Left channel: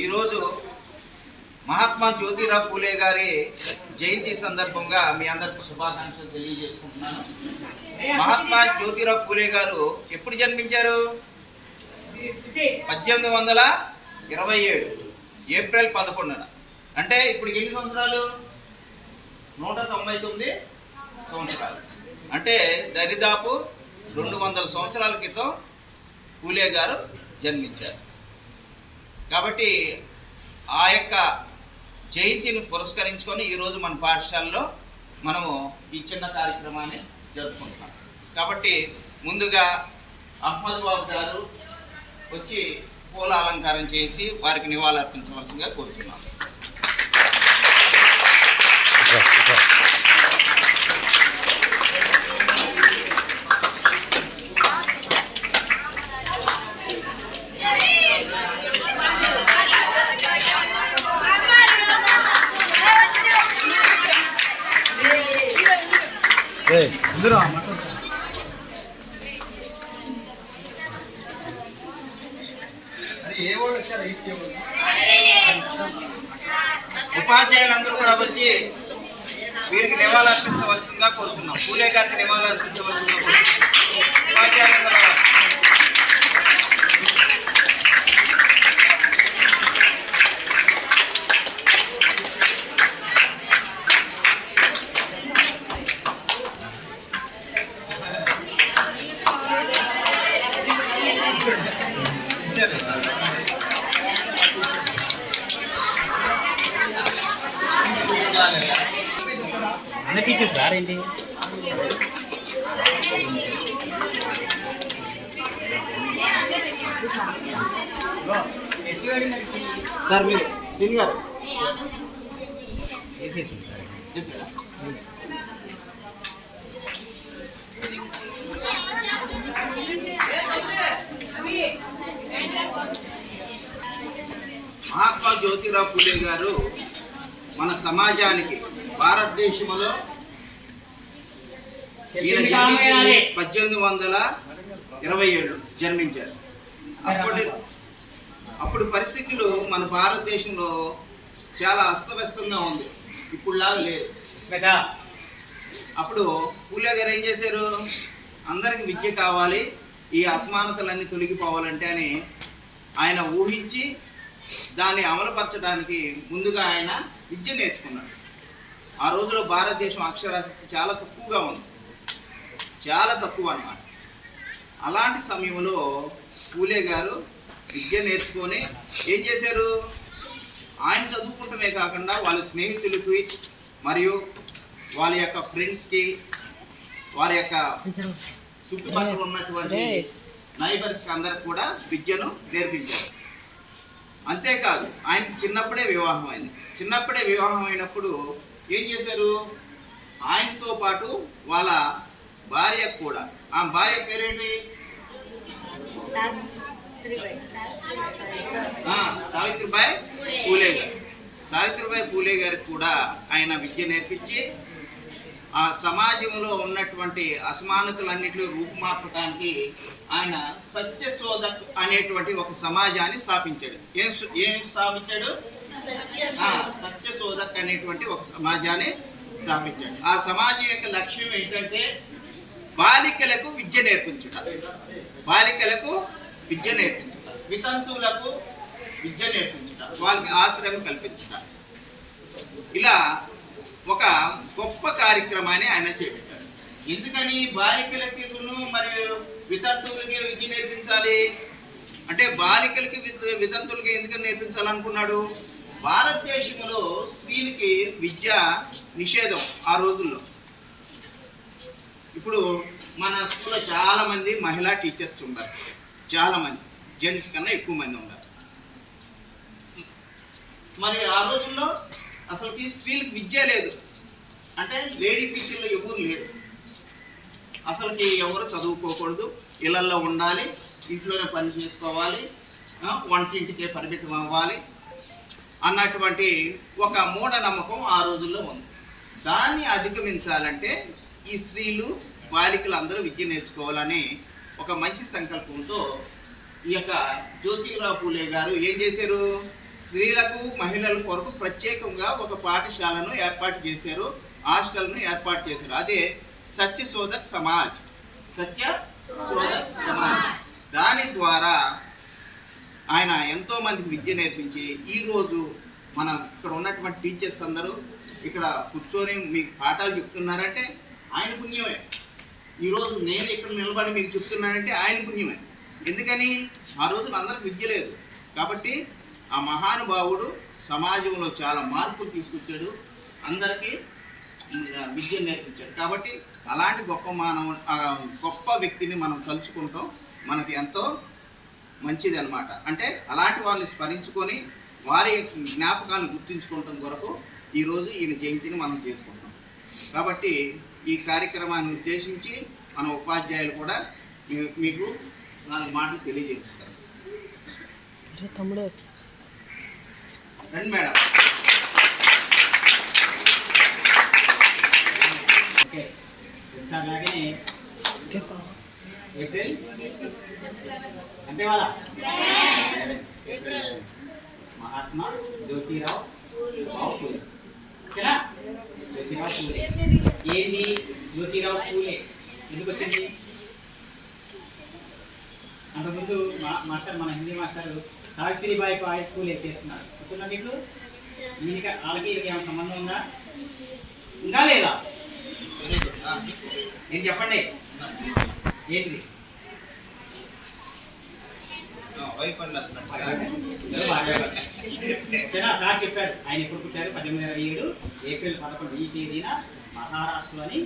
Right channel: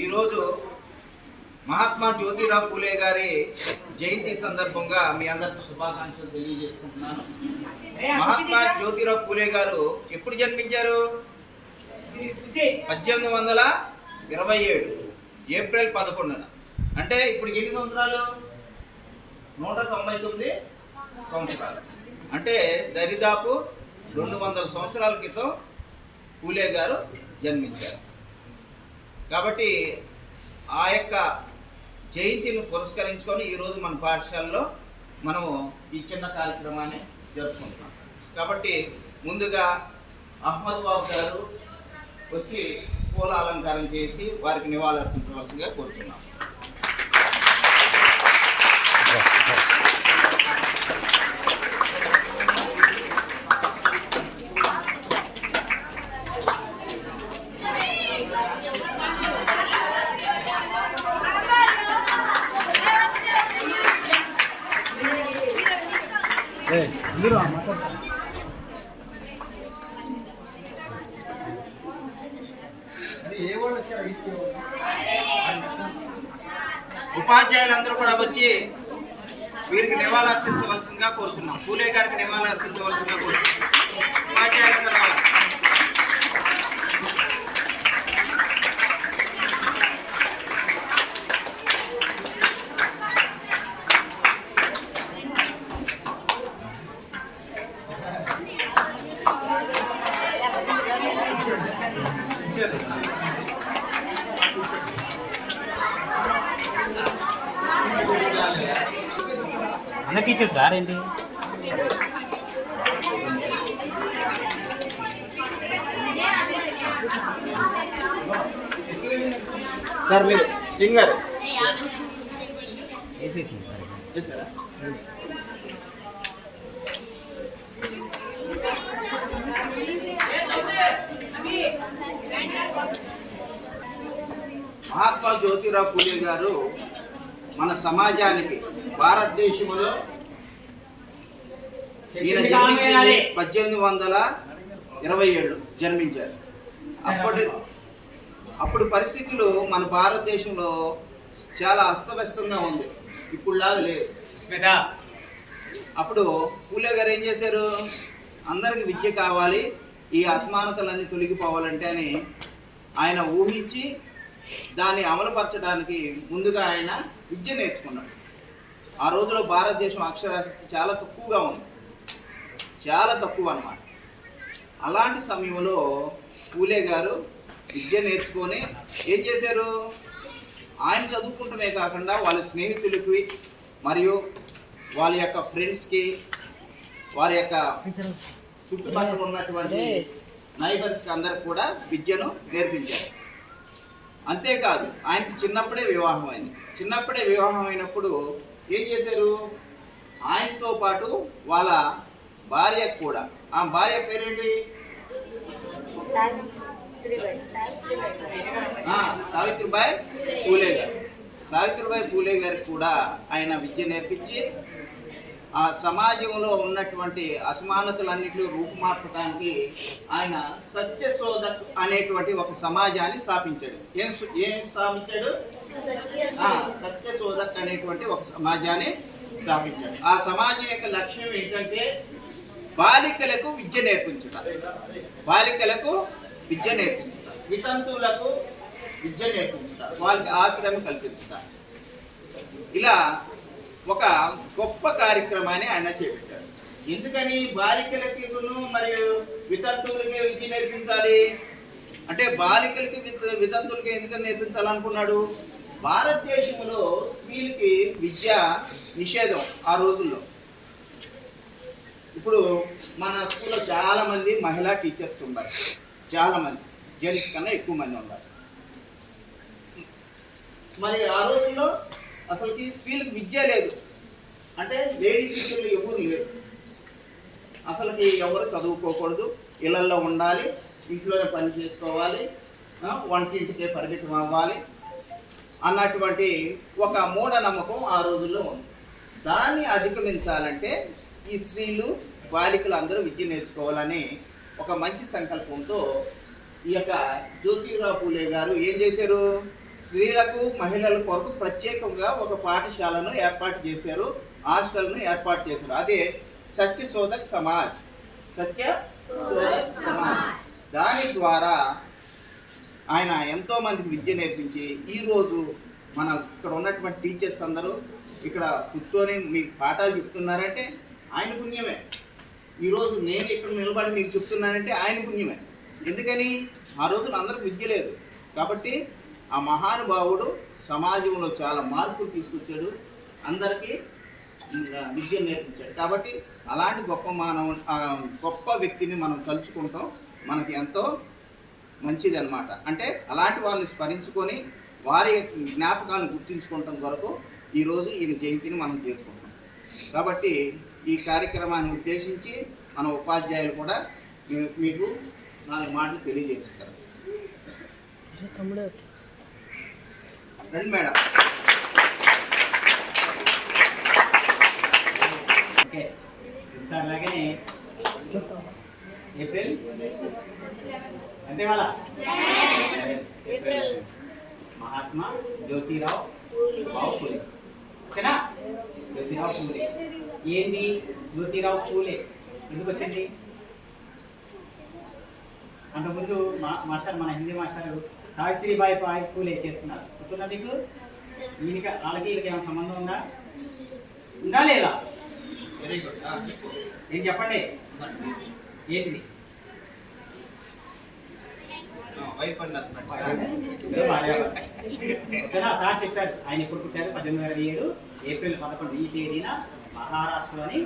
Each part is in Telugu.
ఈరోజు మహాత్మా జ్యోతిరావు పూలే గారి జయంతి సందర్భంగా మీ అందరికీ శుభాకాంక్షలు తెలియజేసుకుంటున్నాను. మహాత్మా జ్యోతిరావు పూలే గారు ఎప్పుడు జన్మించారు? 1827 ఏప్రిల్ 11న. అంటే ఇప్పుడు ఎన్ని సంవత్సరాలు? 199 సంవత్సరాలు. అంటే దరిదాపు 200 సంవత్సరాల క్రితం పూలే గారు జన్మించారు. కాబట్టి ఆ యొక్క జయంతిని పురస్కరించుకొని ఈరోజు మన పాఠశాలలో మనము ఈ చిన్న కార్యక్రమాన్ని జరుపుకుంటున్నాం. కాబట్టి ముందుగా అహ్మద్ బాబు గారు వచ్చి పూల అలంకారం చేసి వారికి నివాళులర్పించవలసిందిగా కోరుతున్నాం. ఉపాధ్యాయులందరూ కూడా వచ్చి వీరికి నివాళులర్పించవలసిందిగా కోరుతున్నాం. పూలే గారికి నివాళులర్పించవలసిందిగా కోరుతున్నాం. ఉపాధ్యాయులందరూ అన్న టీచర్స్ రారేంటి? సార్ మీరు సింగర్ మహాత్మా జ్యోతిరావు పూలే గారు మన సమాజానికి భారతదేశంలో ఈయన జన్మించింది 1827 జన్మించారు. అప్పుడు పరిస్థితులు మన భారతదేశంలో చాలా అస్తవ్యస్తంగా ఉంది, ఇప్పుడులాగా లేదు. అప్పుడు పూలే గారు ఏం చేశారు? అందరికి విద్య కావాలి, ఈ అసమానతలన్నీ తొలగిపోవాలంటే అని ఆయన ఊహించి దాన్ని అమలుపరచడానికి ముందుగా ఆయన విద్య నేర్చుకున్నాడు. ఆ రోజులో భారతదేశం అక్షరాస్యత చాలా తక్కువగా ఉంది, చాలా తక్కువ అన్నమాట. అలాంటి సమయంలో పూలే గారు విద్య నేర్చుకొని ఏం చేశారు? ఆయన చదువుకుంటమే కాకుండా వాళ్ళ స్నేహితులకి మరియు వాళ్ళ యొక్క ఫ్రెండ్స్కి, వారి యొక్క చుట్టుపక్కల ఉన్నటువంటి నైబర్స్కి అందరికి కూడా విద్యను నేర్పించారు. అంతేకాదు ఆయనకి చిన్నప్పుడే వివాహం అయింది. చిన్నప్పుడే వివాహం అయినప్పుడు ఏం చేశారు? ఆయనతో పాటు వాళ్ళ భార్య కూడా, ఆ భార్య పేరేంటి? సావిత్రిబాయి పూలే గారు. సావిత్రిబాయి పూలే గారికి కూడా ఆయన విద్య నేర్పించి ఆ సమాజంలో ఉన్నటువంటి అసమానతలన్నింటిలో రూపుమార్పడానికి ఆయన సత్యశోధక్ అనేటువంటి ఒక సమాజాన్ని స్థాపించాడు. ఏం స్థాపించాడు? సత్యశోధక్ అనేటువంటి ఒక సమాజాన్ని స్థాపించాడు. ఆ సమాజం యొక్క లక్ష్యం ఏంటంటే బాలికలకు విద్య నేర్పించుట, బాలికలకు విద్య నేర్పించుట, వితంతువులకు విద్య నేర్పించుట, వాళ్ళకి ఆశ్రయం కల్పించుట. ఇలా ఒక గొప్ప కార్యక్రమాన్ని ఆయన చేపట్టాడు. ఎందుకని బాలికలకి మరియు వితంతువులకి విద్య నేర్పించాలి అంటే బాలికలకి వితంతువులకి ఎందుకని నేర్పించాలనుకున్నాడు? భారతదేశంలో స్త్రీలకి విద్య నిషేధం ఆ రోజుల్లో. ఇప్పుడు మన స్కూల్లో చాలామంది మహిళా టీచర్స్ ఉన్నారు, చాలామంది జెంట్స్ కన్నా ఎక్కువ మంది ఉన్నారు. మరి ఆ రోజుల్లో అసలుకి స్త్రీలకు విద్య లేదు, అంటే లేడీ టీచర్లు ఎవరు లేరు. అసలుకి ఎవరు చదువుకోకూడదు, ఇళ్లల్లో ఉండాలి, ఇంట్లోనే పని చేసుకోవాలి, వంటింటికే పరిమితం అవ్వాలి అన్నటువంటి ఒక మూఢనమ్మకం ఆ రోజుల్లో ఉంది. దాన్ని అధిగమించాలంటే ఈ స్త్రీలు బాలికలు అందరూ విద్య నేర్చుకోవాలని ఒక మంచి సంకల్పంతో ఈ యొక్క జ్యోతిరావు పూలే గారు ఏం చేశారు? స్త్రీలకు మహిళల కొరకు ప్రత్యేకంగా ఒక పాఠశాలను ఏర్పాటు చేశారు, హాస్టల్ను ఏర్పాటు చేశారు. అదే సత్యశోధక్ సమాజ్. సత్యశోధక్ సమాజ్. దాని ద్వారా ఆయన ఎంతోమందికి విద్య నేర్పించి ఈరోజు మన ఇక్కడ ఉన్నటువంటి టీచర్స్ అందరూ ఇక్కడ కూర్చొని మీకు పాఠాలు చెప్తున్నారంటే ఆయన పుణ్యమే. ఈరోజు నేను ఇక్కడ నిలబడి మీకు చెప్తున్నానంటే ఆయన పుణ్యమే. ఎందుకని? ఆ రోజున అందరికి విద్య లేదు కాబట్టి ఆ మహానుభావుడు సమాజంలో చాలా మార్పులు తీసుకొచ్చాడు, అందరికీ విద్య నేర్పించాడు. కాబట్టి అలాంటి గొప్ప వ్యక్తిని మనం తలుచుకుంటాం మనకి ఎంతో మంచిది అన్నమాట. అంటే అలాంటి వాళ్ళని స్మరించుకొని వారి జ్ఞాపకాన్ని గుర్తుంచుకోవటం కొరకు ఈరోజు ఈయన జయంతిని మనం చేసుకుంటాం. కాబట్టి ఈ కార్యక్రమాన్ని ఉద్దేశించి మన ఉపాధ్యాయులు కూడా మీకు 4 మాటలు తెలియజేస్తారు. రండి మేడం. ఓకే సార్, అలాగనే ఏప్రిల్ అంటే వాళ్ళ మహాత్మా జ్యోతిరావు పూలే. ఓకేనా? జ్యోతిరావు పూలే ఏంటి? జ్యోతిరావు పూలే ఎందుకు వచ్చింది? అంతకుముందు మాస్టర్, మన హిందీ మాస్టర్ సావిత్రిబాయి పూలే చేస్తున్నారు. గుర్తుందా మీకు? వాళ్ళకి ఏమైనా సంబంధం ఉందా? ఉందా లేదా? ఏం చెప్పండి, ఏంటిది? సార్ చెప్పారు ఆయన ఎప్పుడు పుట్టారు? 1827 ఏప్రిల్ 11 ఈ తేదీన మహారాష్ట్రలోని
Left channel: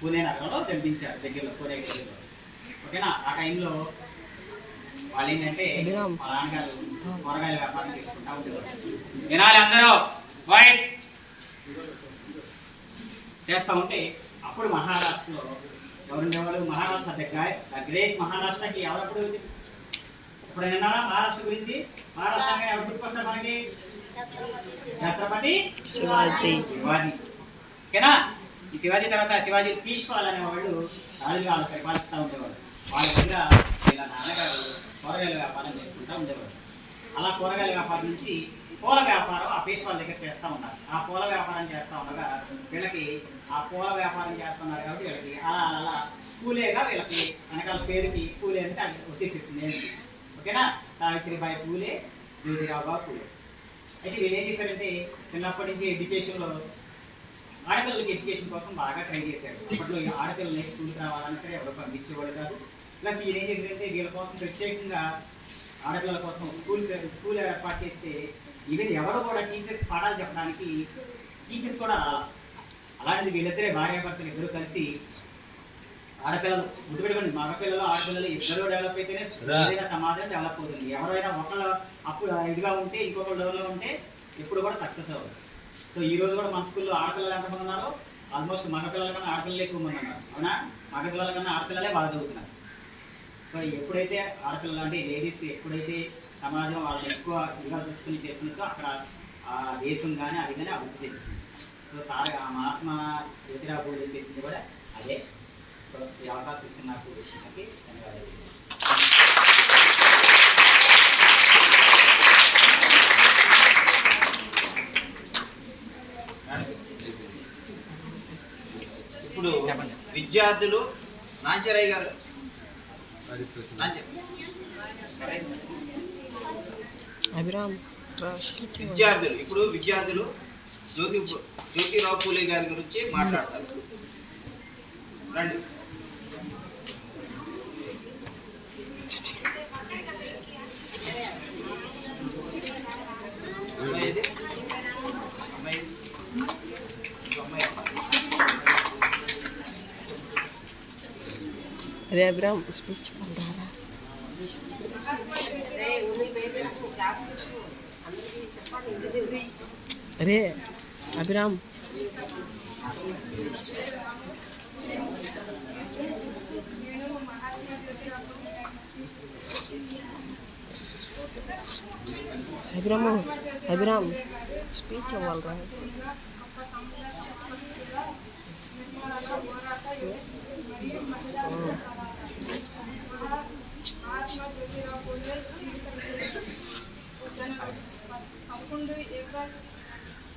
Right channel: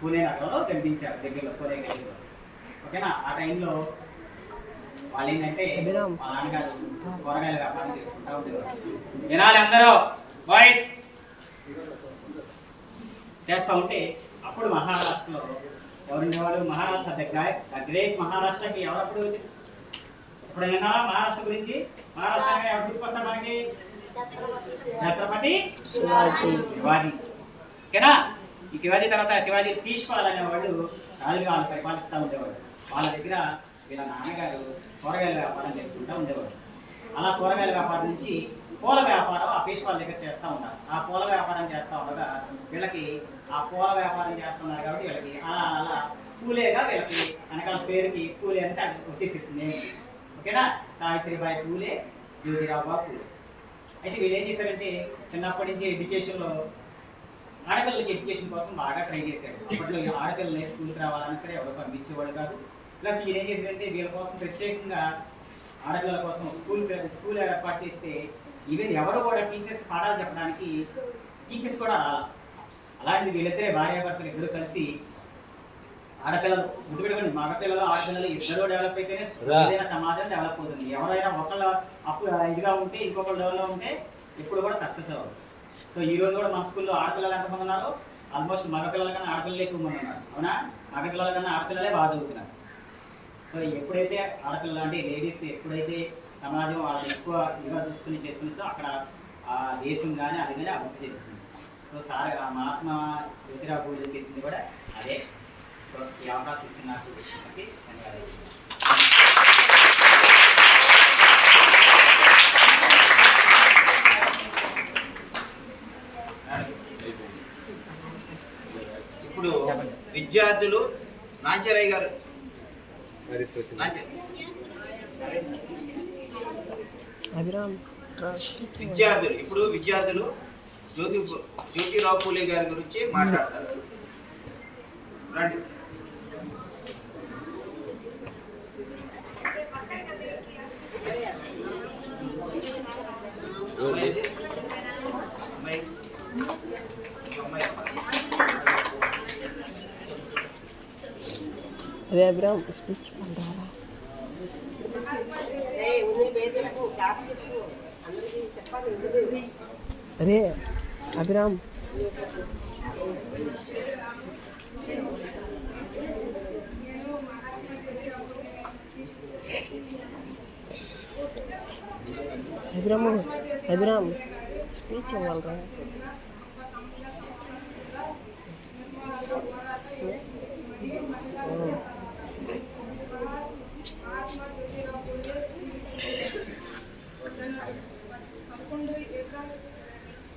పూణే నగరంలో జన్మించారు, దగ్గరలో పూణే దగ్గరలో. ఓకేనా? ఆ టైంలో వాళ్ళు ఏంటంటే మా నాన్నగారు కూరగాయల వ్యాపారం చేసుకుంటా ఉండేవారు. వినాలి అందరూ, వాయిస్ చేస్తూ ఉంటే అప్పుడు మహారాష్ట్రలో ఎవరుండేవాళ్ళు? మహారాష్ట్ర ద గ్రేట్ మహారాష్ట్రకి ఎవరప్పుడు ఎప్పుడైనా మహారాష్ట్ర గురించి? మహారాష్ట్ర ఎవరు గుర్తుకొస్తారు మనకి? ఛత్రపతి శివాజీ. ఓకేనా? ఈ శివాజీ తర్వాత శివాజీ పీష్వాల్ అనేవాళ్ళు రాజుగా వాళ్ళు పరిపాలిస్తూ ఉండేవాళ్ళు. వాళ్ళ దగ్గర వీళ్ళ నాన్నగారు కూరగాయల వ్యాపారం చేసుకుంటూ ఉండేవాడు. అలా కూరగాయల వ్యాపారం నుంచి పూల వ్యాపారం ఆ పీష్వాల దగ్గర చేస్తూ ఉన్నారు. ఆ పూల వ్యాపారం చేస్తూ ఉండగా వీళ్ళకి ఆ పూల వ్యాపారం చేస్తున్నారు కాబట్టి వీళ్ళకి అలా పూలేగా వీళ్ళకి వెనకాల పేరుకి పూలే అంటే వచ్చేసేసింది ఏంటి. ఓకేనా? సావిత్రిబాయి పూలే, జ్యోతిరావు పూలే. అయితే వీళ్ళు ఏం చేశారంటే చిన్నప్పటి నుంచి ఎడ్యుకేషన్లో ఆడపిల్లలకి ఎడ్యుకేషన్ కోసం బాగా ట్రై చేశారు. అప్పట్లో ఆడపిల్లలు స్కూల్కి రావాలన్నా సరే ఎవరు పంపించేవాడు కాదు. ప్లస్ వీళ్ళు ఏం చేశారంటే వీళ్ళ కోసం ప్రత్యేకంగా ఆడపిల్లల కోసం స్కూల్ ఏర్పాటు చేస్తే ఈవెన్ ఎవరు కూడా టీచర్స్ పాఠాలు చెప్పడానికి టీచర్స్ కూడా రావాలి. అలాంటిది వీళ్ళిద్దరే భార్యాభర్తలు ఇద్దరు కలిసి ఆడపిల్లలు గుర్తుపెట్టుకోండి, మగపిల్లలు ఆడపిల్లలు ఇద్దరు డెవలప్ అయితేనే ఏదైనా సమాజం డెవలప్ అవుతుంది. ఎవరైనా ఒకళ్ళు అప్పుడు ఇదిగా ఉంటే ఇంకొకళ్ళు డెవలప్ ఉంటే ఎప్పుడు కూడా సక్సెస్ అవ్వదు. సో ఈ రోజు కూడా మన స్కూల్లో ఆడపిల్లలు ఎంతమంది ఉన్నారు? ఆల్మోస్ట్ మగపిల్లల కన్నా ఆడపిల్లలు ఎక్కువ మంది ఉన్నారు. అవునా? మగపిల్లల కన్నా ఆడపిల్లలే బాగా చదువుతున్నారు. సో ఎప్పుడైతే ఆడపిల్లలు అంటే లేడీస్ ఎప్పుడైతే సమాజం వాళ్ళని ఎక్కువ ఇదిగా చూసుకుని చేసుకుంటుందో అక్కడ ఆ దేశం కానీ అది కానీ అభివృద్ధి చెందుతుంది. సో మహాత్మా జ్యోతిరావు పూలే చేసింది కూడా అదే. సో ఈ అవకాశం ఇచ్చిన నాకు ధన్యవాదాలు. ఇప్పుడు విద్యార్థులు నాంచరయ్య గారు విద్యార్థులు జ్యోతిరావు పూలే గారి గురించి మాట్లాడతారు. రండి. अरे अब्राम स्पीच बन रहा अरे अब्राम अब्राम स्पीच बोल रहा है. महात्मा ज्योतिराव 11 ఏప్రిల్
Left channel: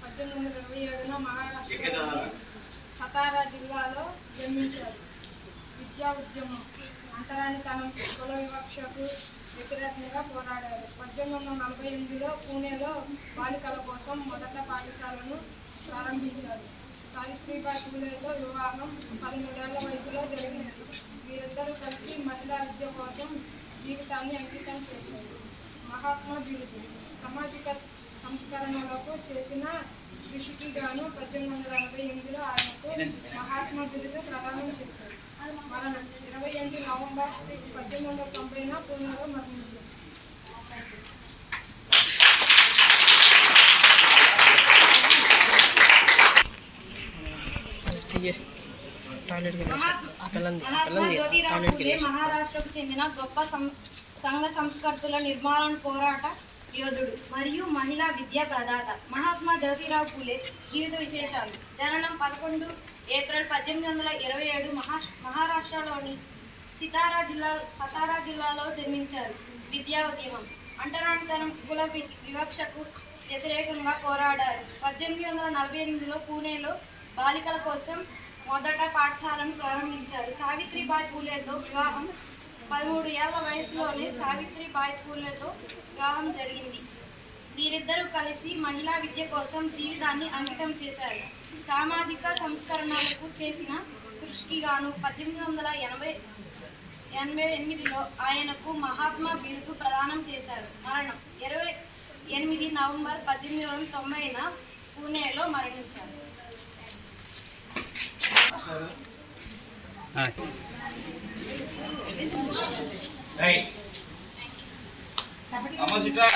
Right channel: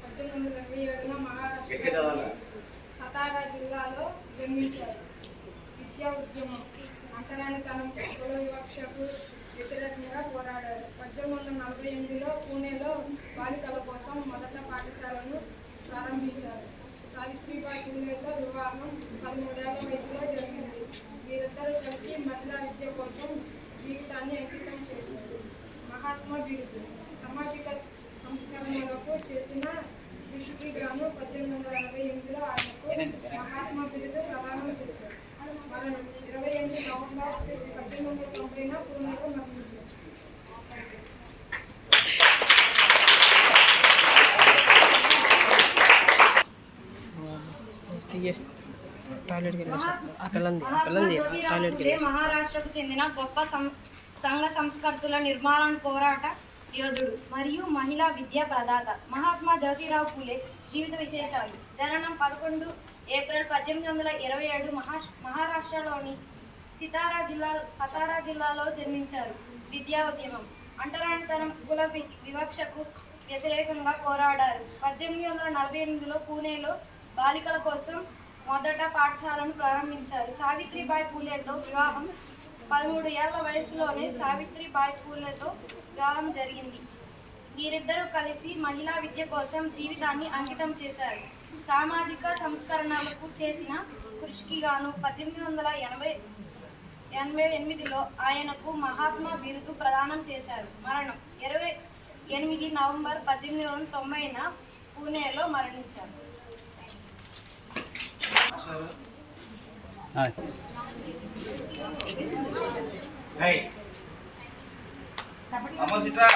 1827న మహారాష్ట్ర సతారా జిల్లాలో జన్మించారు. విద్యా ఉద్యమం, అంటరానితనం, కుల వివక్షకు వ్యతిరేకంగా పోరాడారు. 1848లో పూణేలో బాలికల కోసం మొదట పాఠశాలను ప్రారంభించారు. సావిత్రిబాయి పూలేతో వివాహం 13 ఏళ్ల వయసులో జరిగింది. వీరిద్దరూ కలిసి మహిళా విద్య కోసం జీవితాన్ని అంకితం చేశారు. మహాత్మా బిరుదు, సామాజిక సంస్కరణలకు చేసిన కృషికి గాను 1888లో ఆయనకు మహాత్మా బిరుదు ప్రదానం చేశారు. మరణం 28 నవంబర్ 1890న పూణేలో మరణించారు. మహాత్మా జ్యోతిరావు పూలే మహారాష్ట్రకు చెందిన గొప్ప సంఘ సంస్కర్తల నిర్మాణ పోరాట యోధుడు మరియు మహిళా విద్యా ప్రదాత. మహాత్మా జ్యోతిరావు పూలే జీవిత విశేషాలు. జననం 11 ఏప్రిల్ 1827 మహారాష్ట్రలోని సతారా జిల్లాలో జన్మించారు. విద్యా ఉద్యమం, అంటరానితనం, కుల వివక్షకు వ్యతిరేకంగా పోరాడారు. 1848లో పూణేలో బాలికల కోసం మొదట పాఠశాలను ప్రారంభించారు. సావిత్రిబాయి పూలేతో వివాహం 13 ఏళ్ల వయసులోనే సావిత్రిబాయి పూలేతో వివాహం జరిగింది. వీరిద్దరూ కలిసి మహిళా విద్య కోసం జీవితాన్ని అంకితం చేశారు. సామాజిక సంస్కరణలకు చేసిన కృషికి గాను 1888లో ఆయనకు మహాత్మా బిరుదు ప్రదానం చేశారు. మరణం 28 నవంబర్ 1890న పూణేలో మరణించారు. అమ్మ సిట్రా